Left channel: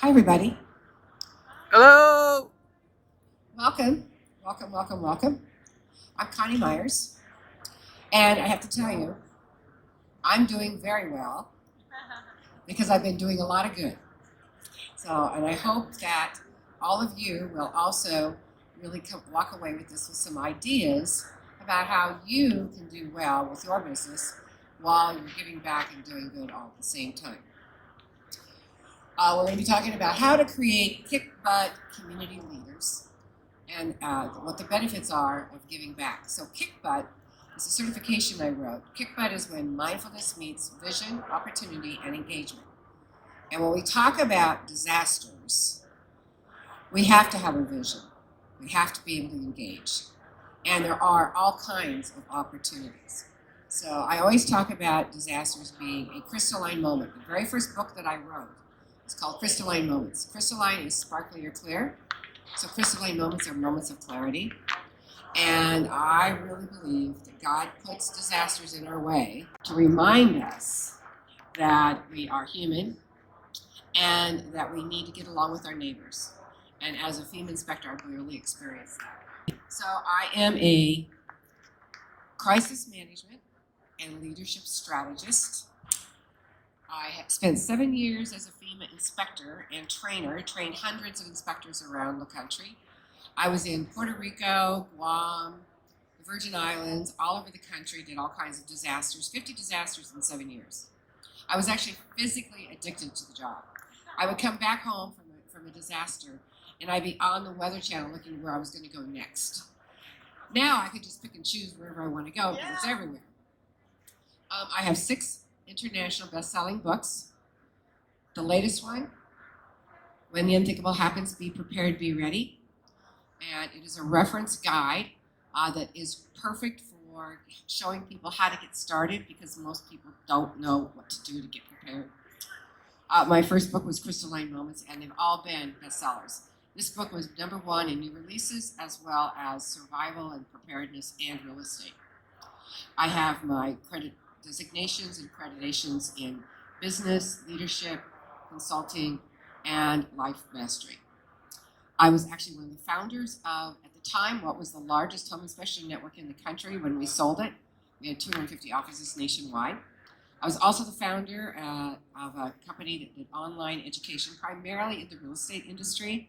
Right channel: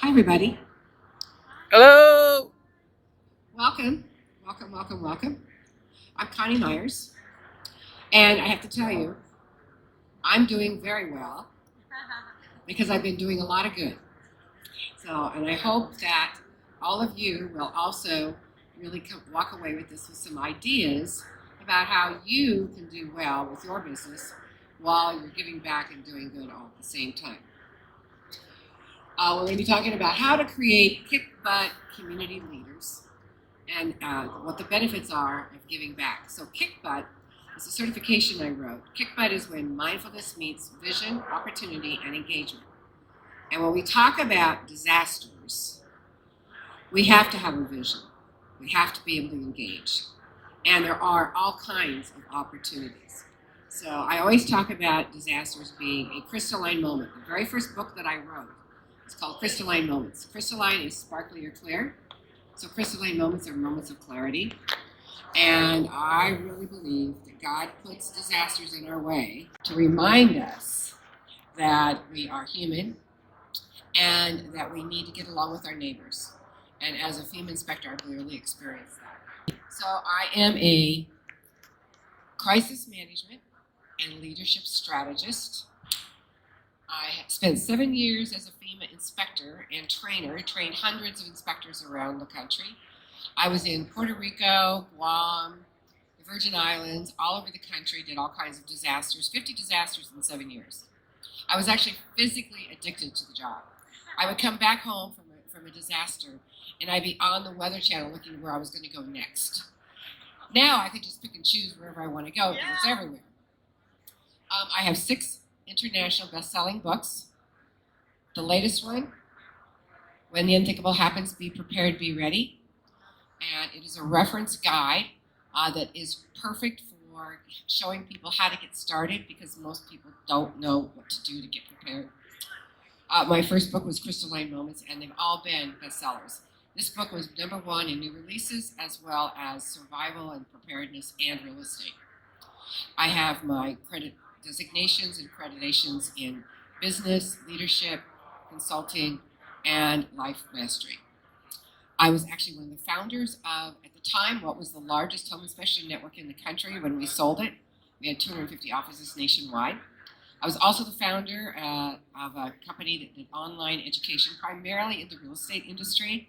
Hi, everybody. Hello. Welcome, welcome, welcome, welcome. I'm Connie Myers, and I have to tell you, I'm doing very well because I've been doing a lot of good. And I hope that all of you will also really walk away with this with some ideas about how you can do well with your business while you're giving back and doing good all at the same time. We're going to be talking about how to create kick butt community leaders and what the benefits are of giving back. So kick butt is a certification I wrote. Kick butt is when mindfulness meets vision, opportunity, and engagement. And when we talk about disasters, we have to have a vision. We have to be able to engage. And there are all kinds of opportunities. So I always talk about disasters being a crystalline moment. The very first book that I wrote is called Crystalline Moments. Crystalline is sparkly or clear. So crystalline moments are moments of clarity. And I really believe that God puts disasters in our way to remind us that we are human and that we need to get along with our neighbors. And as a FEMA inspector, I've really experienced that. So I am a crisis management and leadership strategist. I have spent 7 years as a FEMA inspector and trainer, trained hundreds of inspectors around the country. I was in Puerto Rico, Guam, the Virgin Islands, all over the country, did all kinds of disasters, 50 disasters in 7 years. I was actually physically addicted to the job. I would come back home from a disaster and I'd be on the Weather Channel looking where I was going to go next. Now I could just pick and choose wherever I want to go because it's everywhere. I have 6 international best-selling books. The latest one, When the Unthinkable Happens, Be Prepared, Be Ready. And it is a reference guide that is perfect for showing people how to get started because most people don't know what to do to get prepared. My first book was Crystalline Moments, and they've all been bestsellers. This book was #1 in new releases, as well as survival and preparedness and real estate. I have my credit designations and accreditations in business, leadership, consulting, and life mastery. I was actually one of the founders of, at the time, what was the largest home inspection network in the country when we sold it. We had 250 offices nationwide. I was also the founder of a company that did online education, primarily in the real estate industry,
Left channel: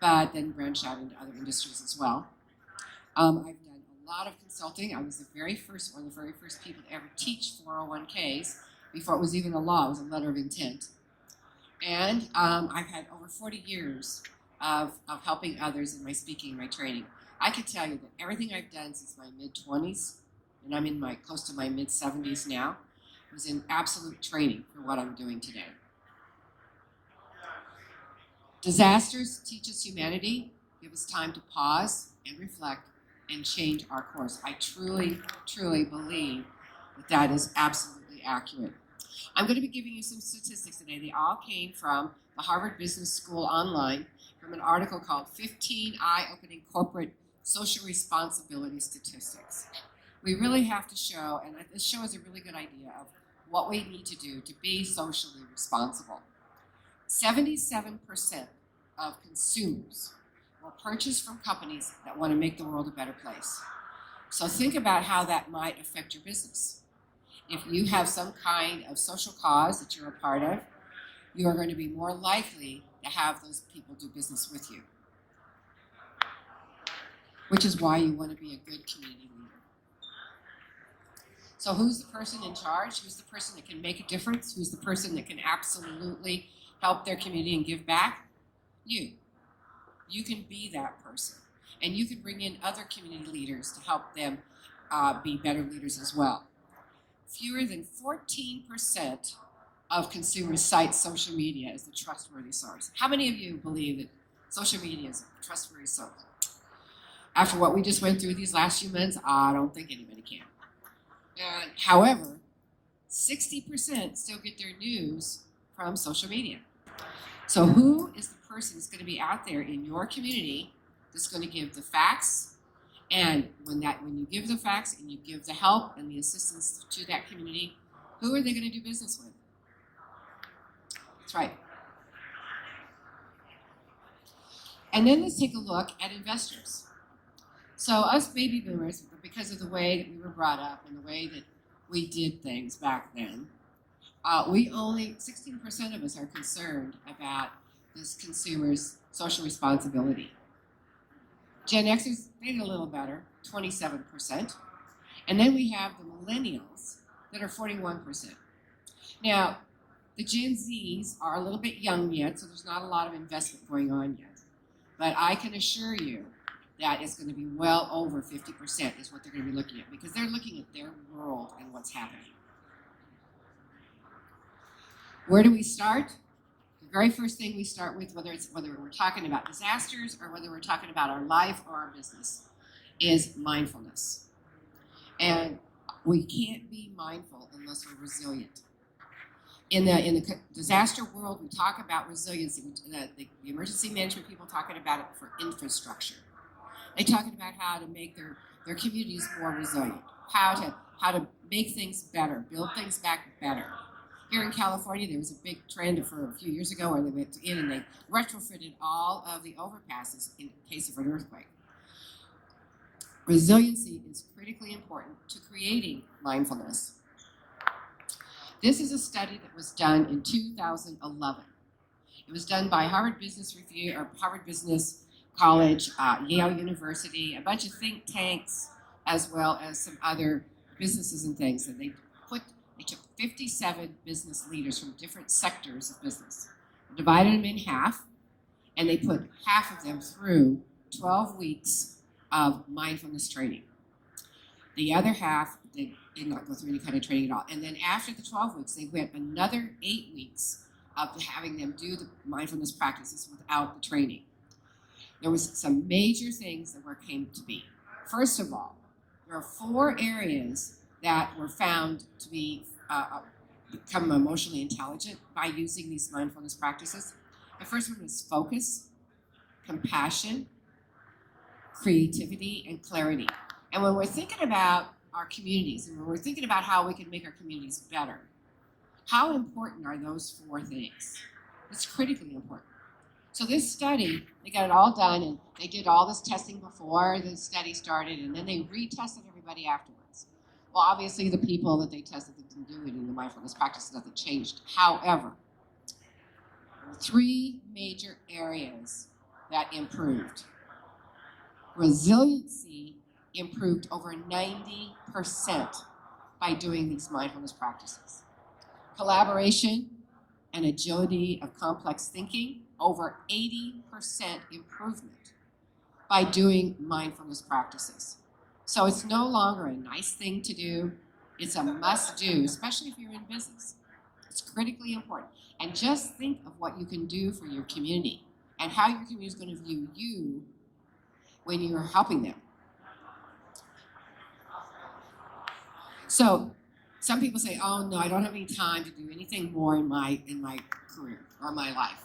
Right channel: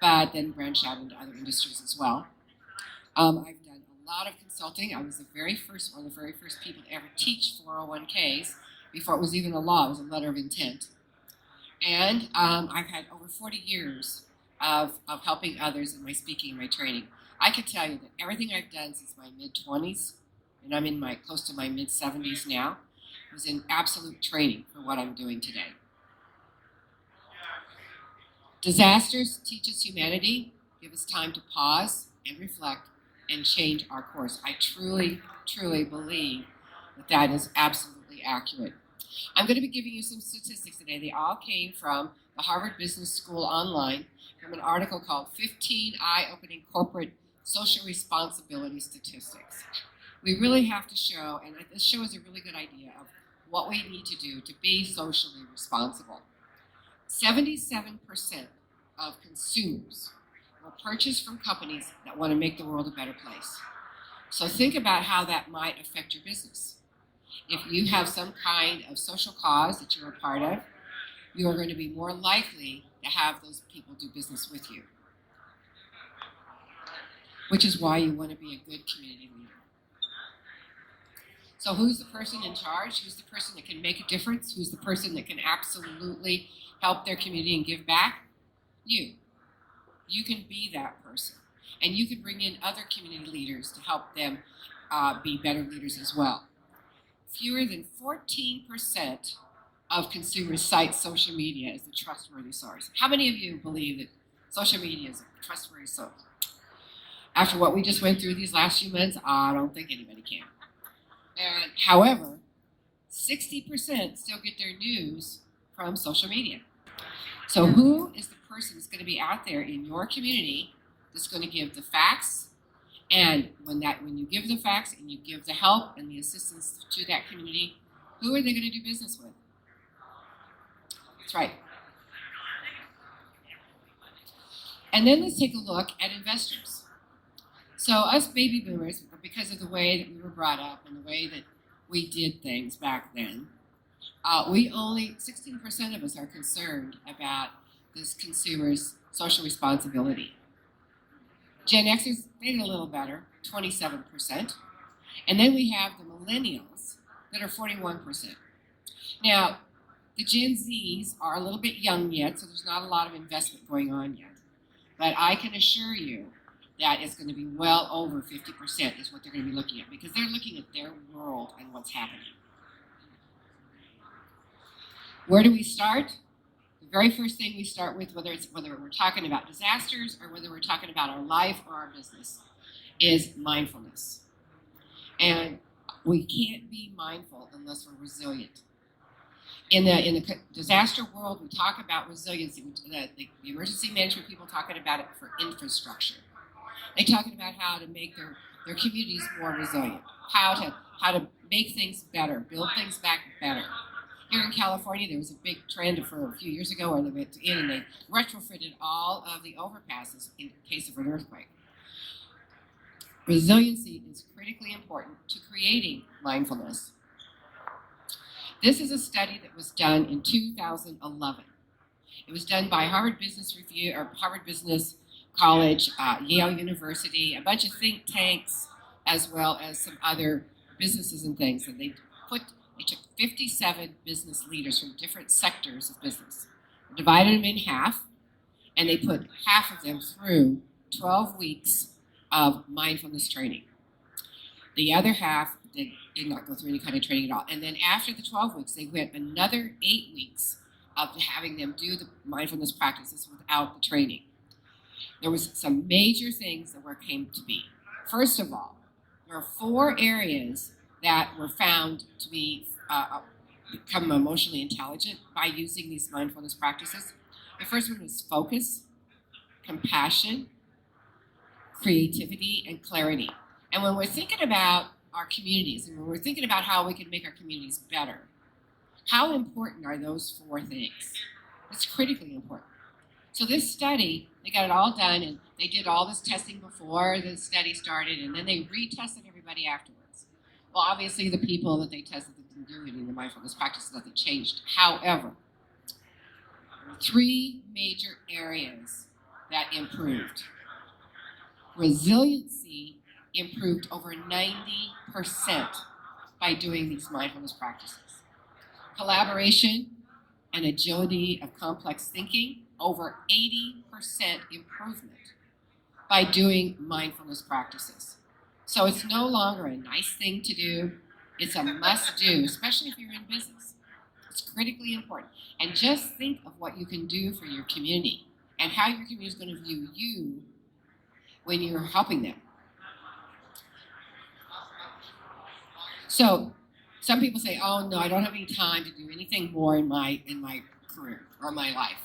but then branched out into other industries as well. I've done a lot of consulting. I was one of the very first people to ever teach 401ks before it was even a law. It was a letter of intent. And I've had over 40 years of helping others in my speaking and my training. I can tell you that everything I've done since my mid-20s, and I'm in my close to my mid-70s now, was in absolute training for what I'm doing today. Disasters teach us humanity, give us time to pause and reflect and change our course. I truly, truly believe that that is absolutely accurate. I'm going to be giving you some statistics today. They all came from the Harvard Business School online from an article called 15 Eye-Opening Corporate Social Responsibility Statistics. We really have to show, and this show is a really good idea of what we need to do to be socially responsible. 77% of consumers will purchase from companies that want to make the world a better place. So think about how that might affect your business. If you have some kind of social cause that you're a part of, you are going to be more likely to have those people do business with you, which is why you want to be a good community leader. So who's the person in charge? Who's the person that can make a difference? Who's the person that can absolutely help their community and give back? You. You can be that person. And you can bring in other community leaders to help them be better leaders as well. Fewer than 14% of consumers cite social media as a trustworthy source. How many of you believe that social media is a trustworthy source? After what we just went through these last few months, I don't think anybody can. And however, 60% still get their news from social media. So who is the person that's going to be out there in your community that's going to give the facts? And when you give the facts and you give the help and the assistance to that community, who are they going to do business with? That's right. And then let's take a look at investors. So us baby boomers, because of the way that we were brought up and the way that we did things back then, we only 16% of us are concerned about this consumer's social responsibility. Gen Xers, they did a little better, 27%. And then we have the millennials that are 41%. Now, the Gen Zs are a little bit young yet, so there's not a lot of investment going on yet. But I can assure you that it's going to be well over 50% is what they're going to be looking at, because they're looking at their world and what's happening. Where do we start? The very first thing we start with, whether we're talking about disasters or whether we're talking about our life or our business, is mindfulness. And we can't be mindful unless we're resilient. In the disaster world, we talk about resiliency. The emergency management people talking about it for infrastructure. They're talking about how to make their communities more resilient, how to make things better, build things back better. Here in California, there was a big trend for a few years ago where they went in and they retrofitted all of the overpasses in case of an earthquake. Resiliency is critically important to creating mindfulness. This is a study that was done in 2011. It was done by Harvard Business Review or Harvard Business College, Yale University, a bunch of think tanks, as well as some other businesses and things. And they took 57 business leaders from different sectors of business, divided them in half, and they put half of them through 12 weeks of mindfulness training. The other half did not go through any kind of training at all. And then after the 12 weeks, they went another 8 weeks of having them do the mindfulness practices without the training. There was some major things that came to be. First of all, there are 4 areas that were found to be become emotionally intelligent by using these mindfulness practices. The first one was focus, compassion, creativity, and clarity. And when we're thinking about our communities and when we're thinking about how we can make our communities better, how important are those 4 things? It's critically important. So this study, they got it all done and they did all this testing before the study started, and then they retested everybody afterwards. Well, obviously the people that they tested that didn't do any of the mindfulness practices, nothing changed. However, there were 3 major areas that improved. Resiliency improved over 90% by doing these mindfulness practices. Collaboration and agility of complex thinking, over 80% improvement by doing mindfulness practices. So it's no longer a nice thing to do, it's a must do, especially if you're in business. It's critically important. And just think of what you can do for your community and how your community is going to view you when you're helping them. So some people say, oh no, I don't have any time to do anything more in my career or my life.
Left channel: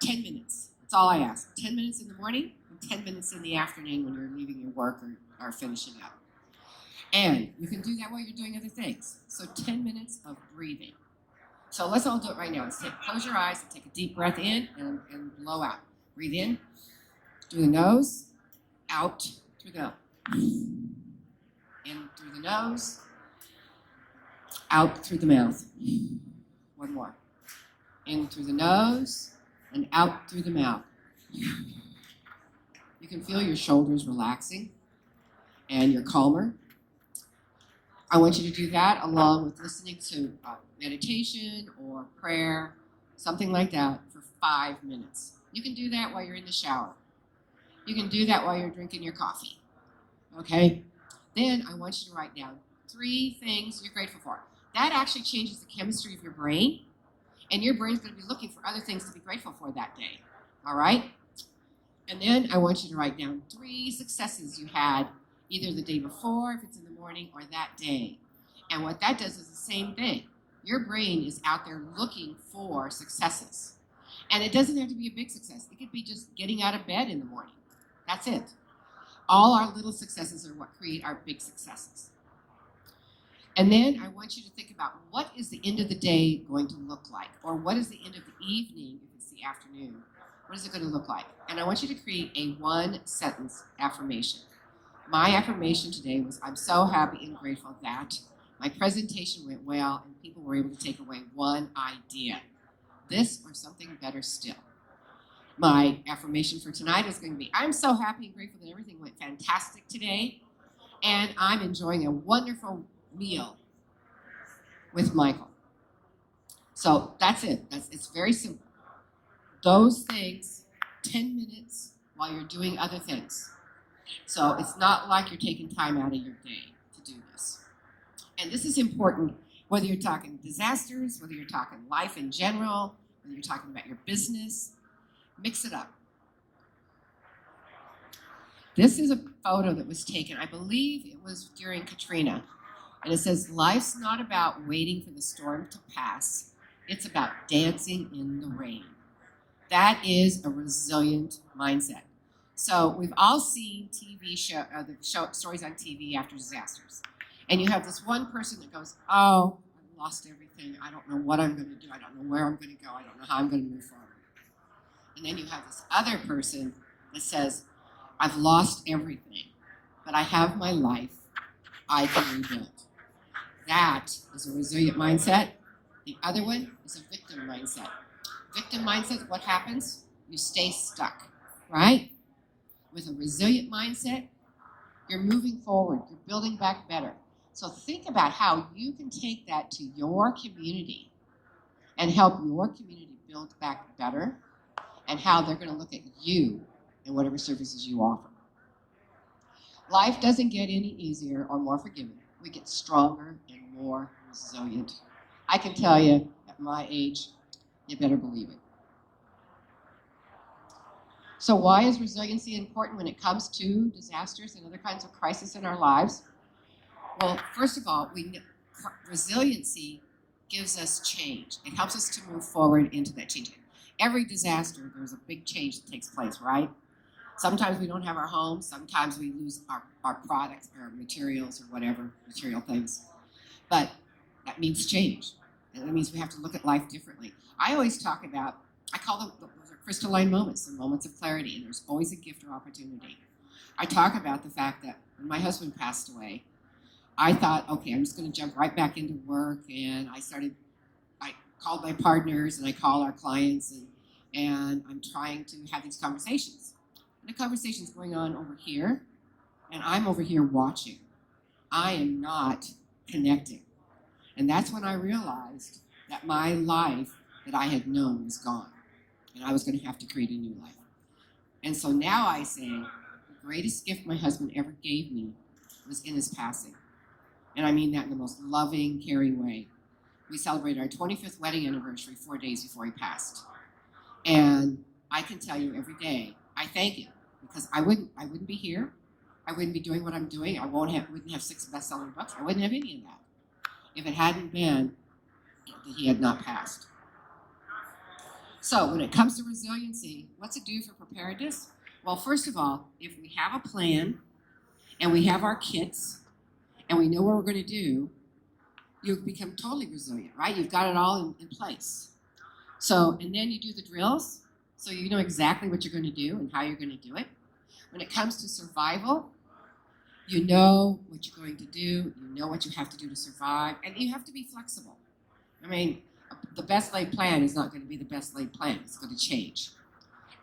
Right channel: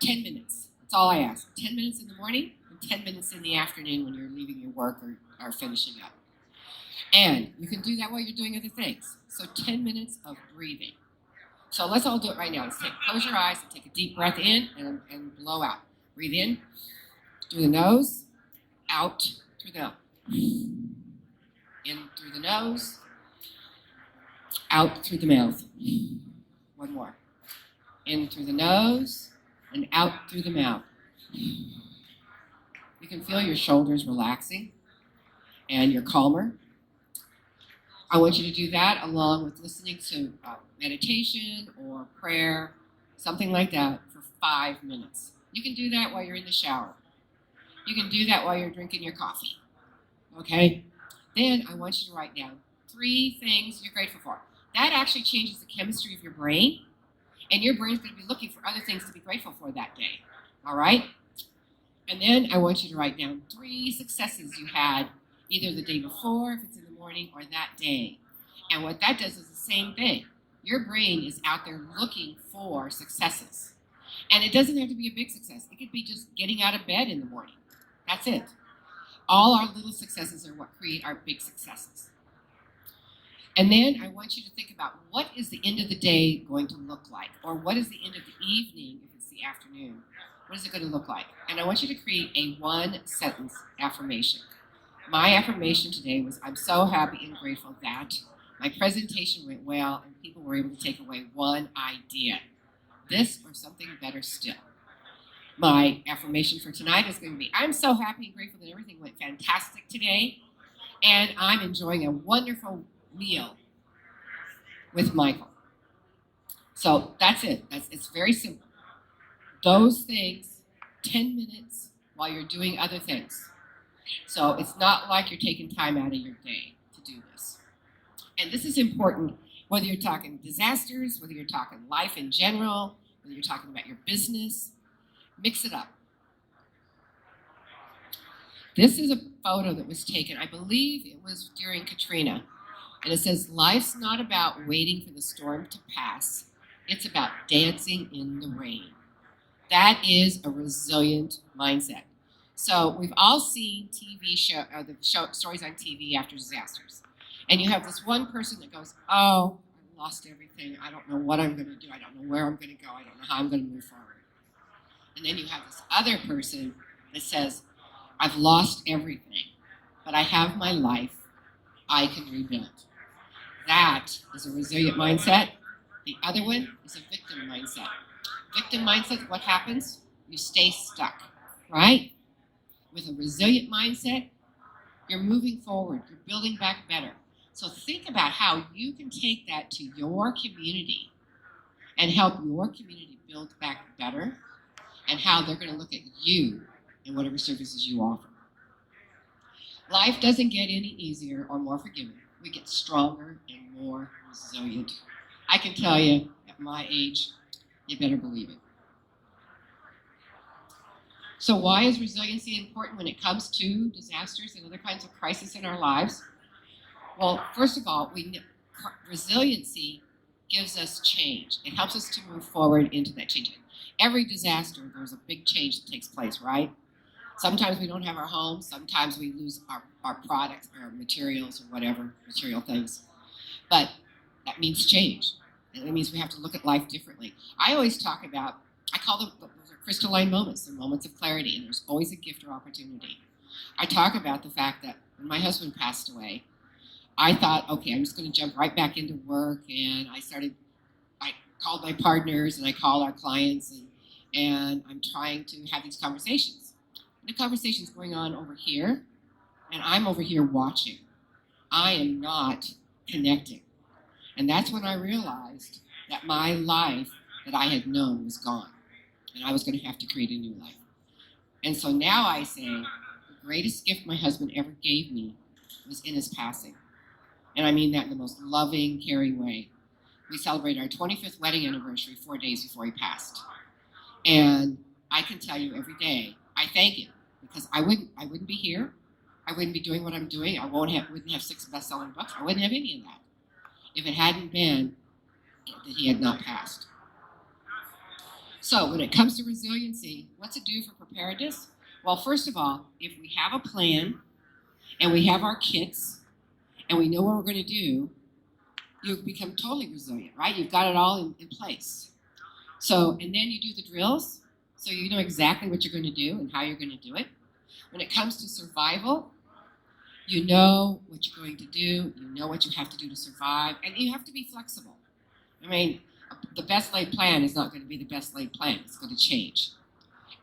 10 minutes, that's all I ask. 10 minutes in the morning and 10 minutes in the afternoon when you're leaving your work or finishing up. And you can do that while you're doing other things. So 10 minutes of breathing. So let's all do it right now. Close your eyes and take a deep breath in and blow out. Breathe in through the nose, out through the mouth. In through the nose, out through the mouth. One more. In through the nose and out through the mouth. You can feel your shoulders relaxing and you're calmer. I want you to do that along with listening to meditation or prayer, something like that, for 5 minutes. You can do that while you're in the shower. You can do that while you're drinking your coffee. Okay? Then I want you to write down 3 things you're grateful for. That actually changes the chemistry of your brain, and your brain's going to be looking for other things to be grateful for that day. All right? And then I want you to write down 3 successes you had either the day before, if it's in the morning, or that day. And what that does is the same thing. Your brain is out there looking for successes. And it doesn't have to be a big success. It could be just getting out of bed in the morning. That's it. All our little successes are what create our big successes. And then I want you to think about, what is the end of the day going to look like? Or what is the end of the evening if it's the afternoon? what is it going to look like? And I want you to create a one-sentence affirmation. My affirmation today was, I'm so happy and grateful that my presentation went well and people were able to take away one idea. This or something better still. My affirmation for tonight is going to be, I'm so happy and grateful that everything went fantastic today, and I'm enjoying a wonderful meal with Michael. So that's it. It's very simple. Those things, 10 minutes while you're doing other things. So it's not like you're taking time out of your day to do this. And this is important whether you're talking disasters, whether you're talking life in general, whether you're talking about your business. Mix it up. This is a photo that was taken, I believe it was during Katrina. And it says, life's not about waiting for the storm to pass. It's about dancing in the rain. That is a resilient mindset. So we've all seen stories on TV after disasters. And you have this one person that goes, oh, I lost everything. I don't know what I'm going to do. I don't know where I'm going to go. I don't know how I'm going to move forward. And then you have this other person that says, I've lost everything, but I have my life. I can rebuild. That is a resilient mindset. The other one is a victim mindset. Victim mindset, what happens? You stay stuck, right? With a resilient mindset, you're moving forward. You're building back better. So think about how you can take that to your community and help your community build back better, and how they're going to look at you and whatever services you offer. Life doesn't get any easier or more forgiving. We get stronger and more resilient. I can tell you, at my age, you better believe it. So why is resiliency important when it comes to disasters and other kinds of crises in our lives? Well, first of all, resiliency gives us change. It helps us to move forward into that change. Every disaster, there's a big change that takes place, right? Sometimes we don't have our homes. Sometimes we lose our products, our materials, or whatever, material things. But that means change. And that means we have to look at life differently. I always talk about, I call them, those are crystalline moments, the moments of clarity, and there's always a gift or opportunity. I talk about the fact that when my husband passed away, I thought, okay, I'm just going to jump right back into work, and I called my partners and I call our clients, and I'm trying to have these conversations. And the conversation's going on over here, and I'm over here watching. I am not connecting. And that's when I realized that my life that I had known was gone, and I was going to have to create a new life. And so now I say, the greatest gift my husband ever gave me was in his passing. And I mean that in the most loving, caring way. We celebrated our 25th wedding anniversary 4 days before he passed. And I can tell you every day, I thank him, because I wouldn't be here. I wouldn't be doing what I'm doing. I wouldn't have 6 best-selling books. I wouldn't have any of that if it hadn't been that he had not passed. So when it comes to resiliency, what's it do for preparedness? Well, first of all, if we have a plan and we have our kits and we know what we're going to do, you become totally resilient, right? You've got it all in place. So, and then you do the drills, so you know exactly what you're going to do and how you're going to do it. When it comes to survival, you know what you're going to do, you know what you have to do to survive, and you have to be flexible. I mean, the best laid plan is not going to be the best laid plan. It's going to change.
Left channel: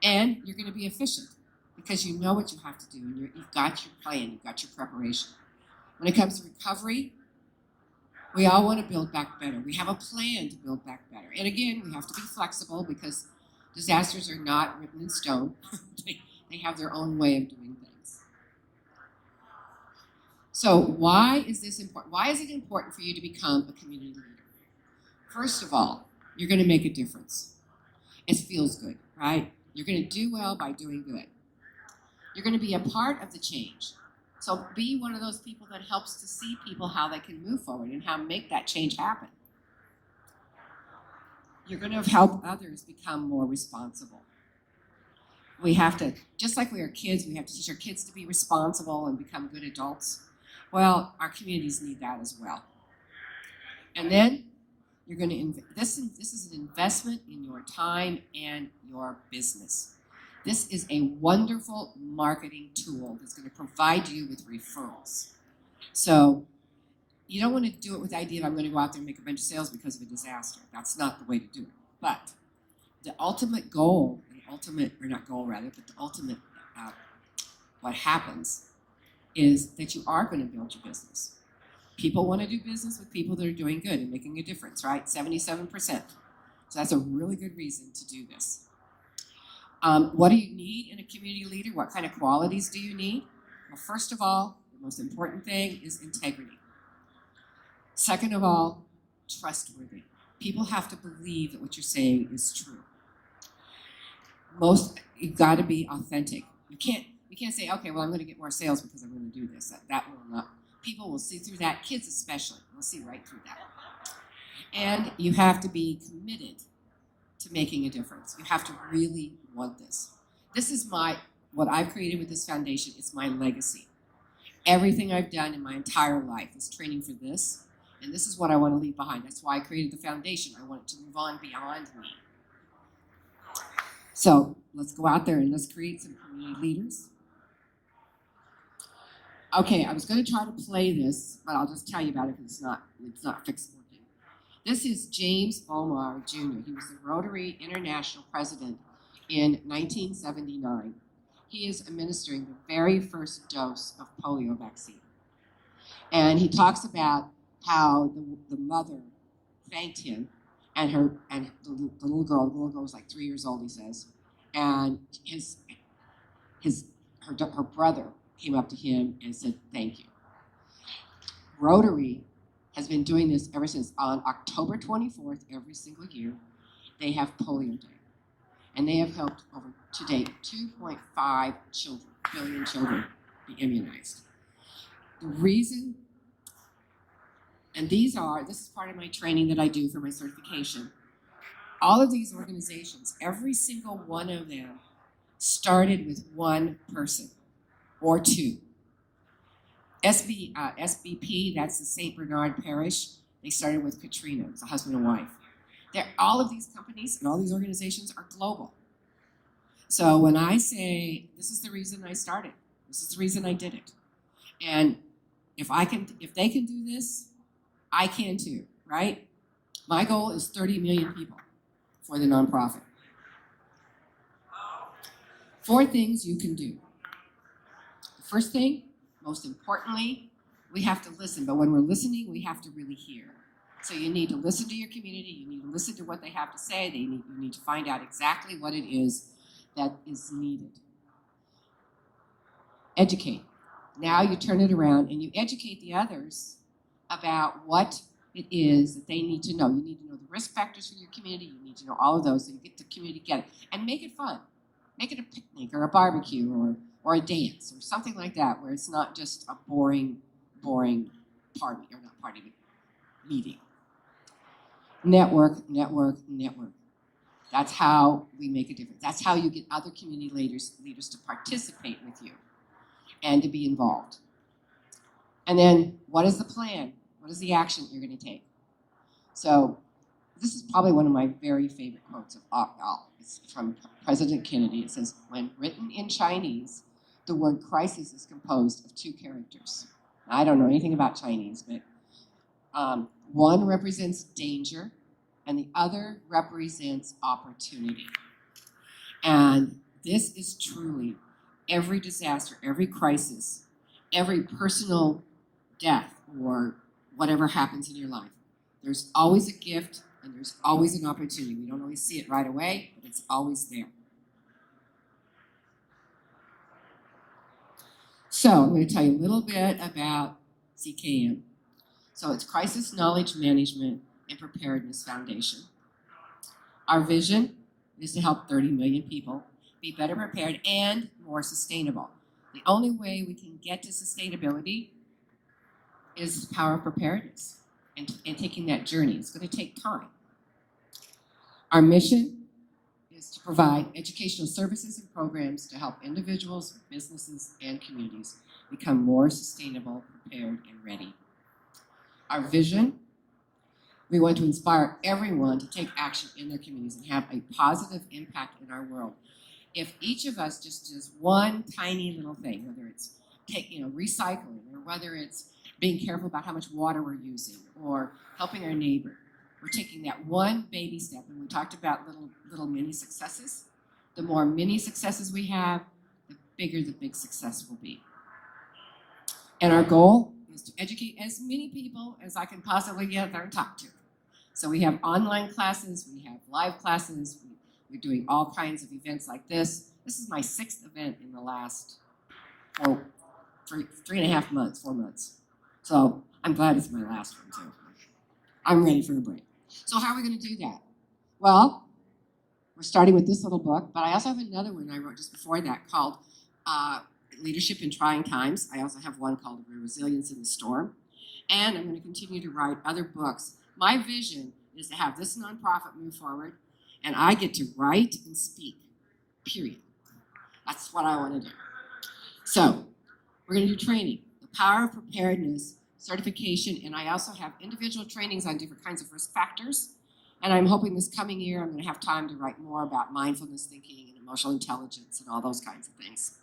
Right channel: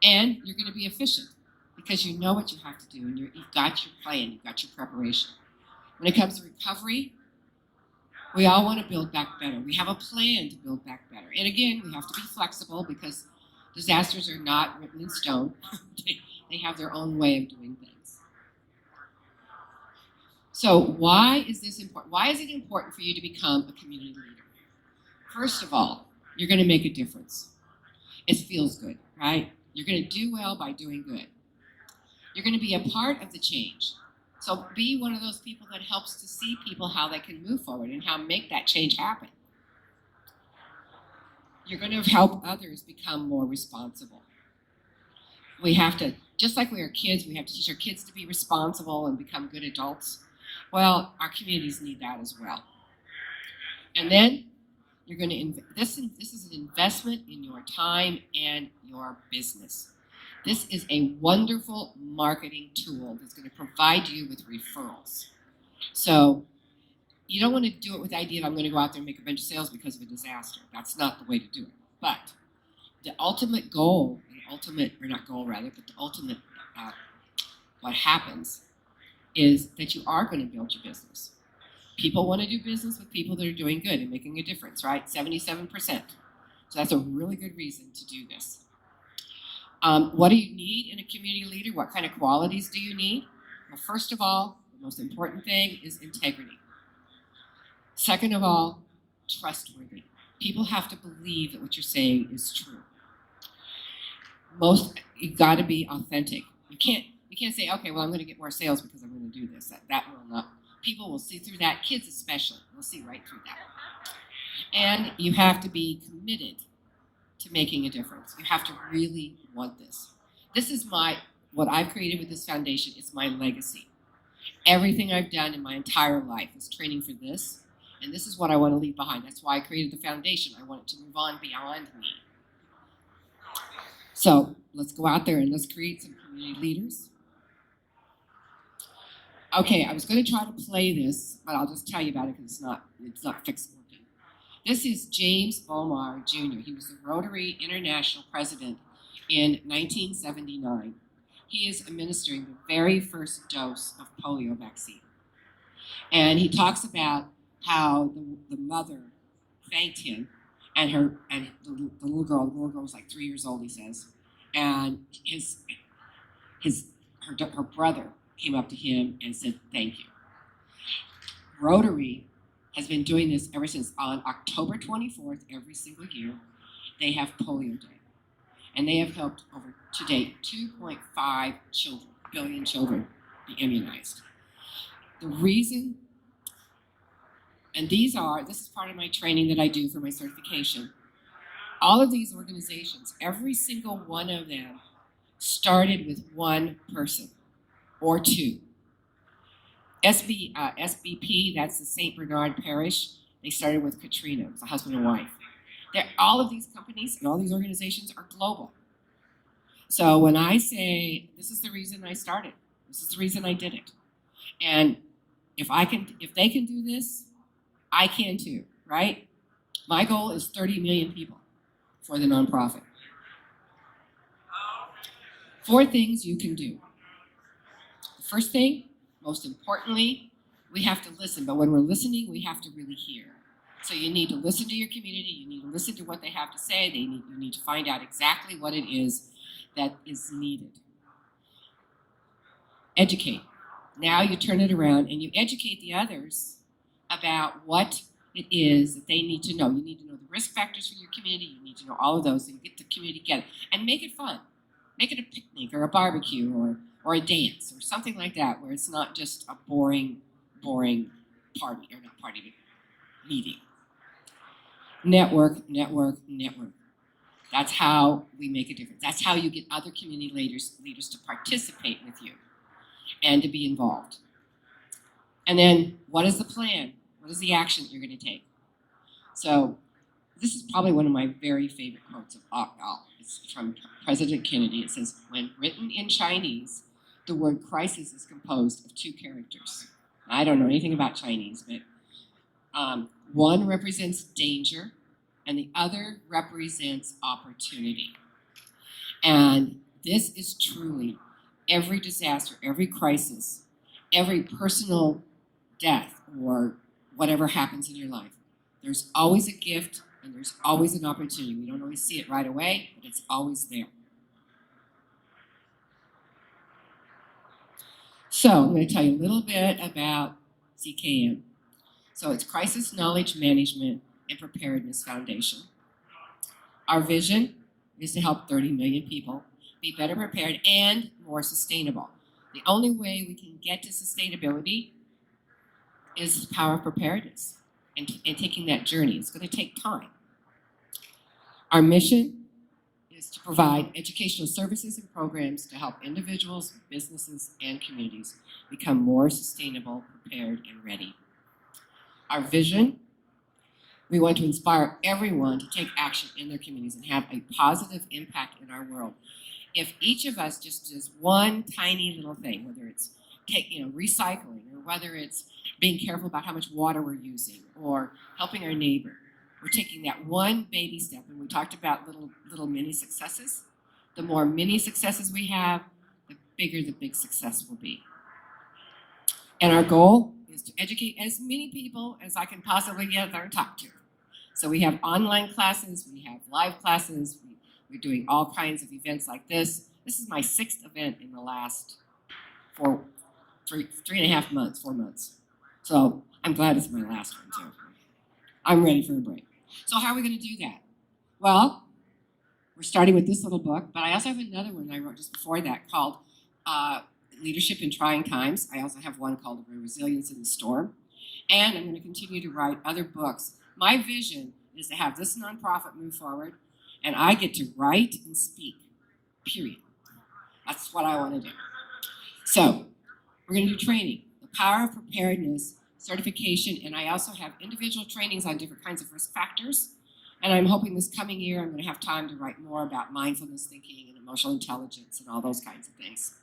And you're going to be efficient because you know what you have to do, and you've got your plan, you've got your preparation. When it comes to recovery, we all want to build back better. We have a plan to build back better. And again, we have to be flexible because disasters are not written in stone. They have their own way of doing things. So why is this important? Why is it important for you to become a community leader? First of all, you're going to make a difference. It feels good, right? You're going to do well by doing good. You're going to be a part of the change. So be one of those people that helps to see people how they can move forward and how to make that change happen. You're going to help others become more responsible. We have to, just like we are kids, we have to teach our kids to be responsible and become good adults. Well, our communities need that as well. And then you're going to, this is an investment in your time and your business. This is a wonderful marketing tool that's going to provide you with referrals. So you don't want to do it with the idea of I'm going to go out there and make a bunch of sales because of a disaster. That's not the way to do it. But the ultimate goal, or not goal rather, but the ultimate what happens is that you are going to build your business. People want to do business with people that are doing good and making a difference, right? 77%. So that's a really good reason to do this. What do you need in a community leader? What kind of qualities do you need? Well, first of all, the most important thing is integrity. Second of all, trustworthy. People have to believe that what you're saying is true. You've got to be authentic. You can't say, okay, well, I'm going to get more sales because I'm going to do this. That will not. People will see through that. Kids especially will see right through that. And you have to be committed to making a difference. You have to really want this. This is what I've created with this foundation. It's my legacy. Everything I've done in my entire life is training for this, and this is what I want to leave behind. That's why I created the foundation. I want it to move on beyond me. So let's go out there and let's create some community leaders. Okay, I was going to try to play this, but I'll just tell you about it because it's not fixed working. This is James Bomar Jr. He was the Rotary International President in 1979. He is administering the very first dose of polio vaccine. And he talks about how the mother thanked him and the little girl was like 3 years old, he says, and her brother came up to him and said thank you. Rotary has been doing this ever since. On October 24th every single year, they have Polio Day, and they have helped over to date 2.5 billion children be immunized. The reason, and this is part of my training that I do for my certification. All of these organizations, every single one of them started with one person or two. SBP, that's the St. Bernard Parish, they started with Katrina. It was a husband and wife. All of these companies and all these organizations are global. So when I say, this is the reason I started, this is the reason I did it. And if they can do this, I can too, right? My goal is 30 million people for the nonprofit. 4 things you can do. The first thing, most importantly, we have to listen. But when we're listening, we have to really hear. So you need to listen to your community. You need to listen to what they have to say. You need to find out exactly what it is that is needed. Educate. Now you turn it around and you educate the others about what it is that they need to know. You need to know the risk factors for your community. You need to know all of those, so you get the community together. And make it fun. Make it a picnic or a barbecue or a dance or something like that, where it's not just a boring party, or not party, but meeting. Network. That's how we make a difference. That's how you get other community leaders to participate with you and to be involved. And then, what is the plan? What is the action that you're going to take? So this is probably one of my very favorite quotes of all. It's from President Kennedy. It says, when written in Chinese, the word crisis is composed of 2 characters. I don't know anything about Chinese, but one represents danger and the other represents opportunity. And this is truly every disaster, every crisis, every personal death or whatever happens in your life. There's always a gift and there's always an opportunity. We don't always see it right away, but it's always there. So I'm going to tell you a little bit about CKM. So it's Crisis Knowledge Management and Preparedness Foundation. Our vision is to help 30 million people be better prepared and more sustainable. The only way we can get to sustainability is the power of preparedness and taking that journey. It's going to take time. Our mission is to provide educational services and programs to help individuals, businesses, and communities become more sustainable, prepared, and ready. Our vision, we want to inspire everyone to take action in their communities and have a positive impact in our world. if each of us just does one tiny little thing, whether it's recycling, or whether it's being careful about how much water we're using, or helping our neighbor, we're taking that one baby step. And we talked about little mini successes. The more mini successes we have, the bigger the big success will be. And our goal is to educate as many people as I can possibly get there and talk to. So we have online classes, we have live classes, we're doing all kinds of events like this. This is my 6th event in the last 3.5 months, 4 months. So I'm glad it's my last one too. I'm ready for a break. So how are we going to do that? Well, we're starting with this little book, but I also have another one I wrote just before that called Leadership in Trying Times. I also have one called Resiliency in the Storm. And I'm going to continue to write other books. My vision is to have this nonprofit move forward, and I get to write and speak, period. That's what I want to do. So we're going to do training, the power of preparedness, certification, and I also have individual trainings on different kinds of risk factors. And I'm hoping this coming year I'm going to have time to write more about mindfulness thinking and emotional intelligence and all those kinds of things.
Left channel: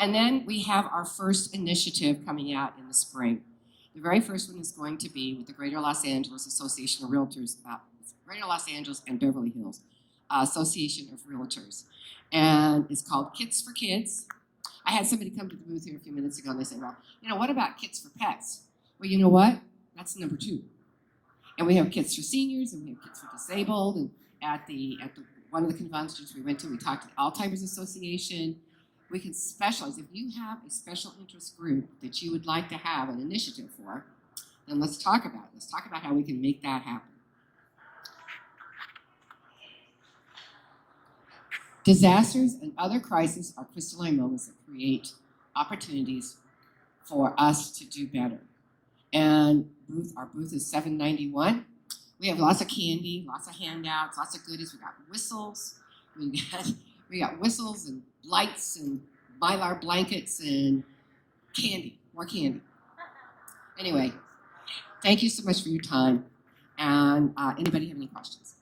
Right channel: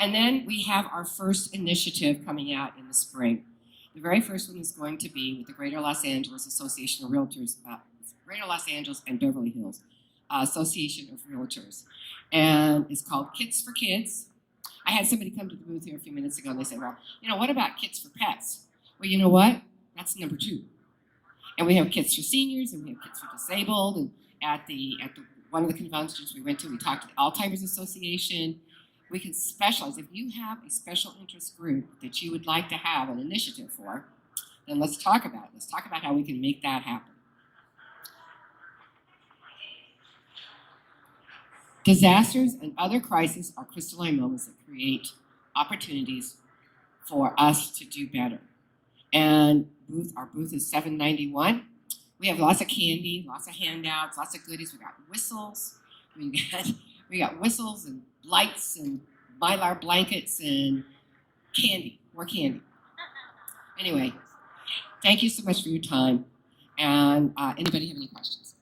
And then we have our first initiative coming out in the spring. The very first one is going to be with the Greater Los Angeles Association of Realtors, Greater Los Angeles and Beverly Hills Association of Realtors. And it's called Kits for Kids. I had somebody come to the booth here a few minutes ago and they said, well, what about kits for pets? Well, you know what? That's number 2. And we have kits for seniors and we have kits for disabled. And at one of the conventions we went to, we talked to the Alzheimer's Association. We can specialize. If you have a special interest group that you would like to have an initiative for, then let's talk about it. Let's talk about how we can make that happen. Disasters and other crises are crystalline moments that create opportunities for us to do better. And our booth is 791. We have lots of candy, lots of handouts, lots of goodies. We got whistles. We got whistles and lights and Mylar blankets and candy, more candy. Anyway, thank you so much for your time. And anybody have any questions?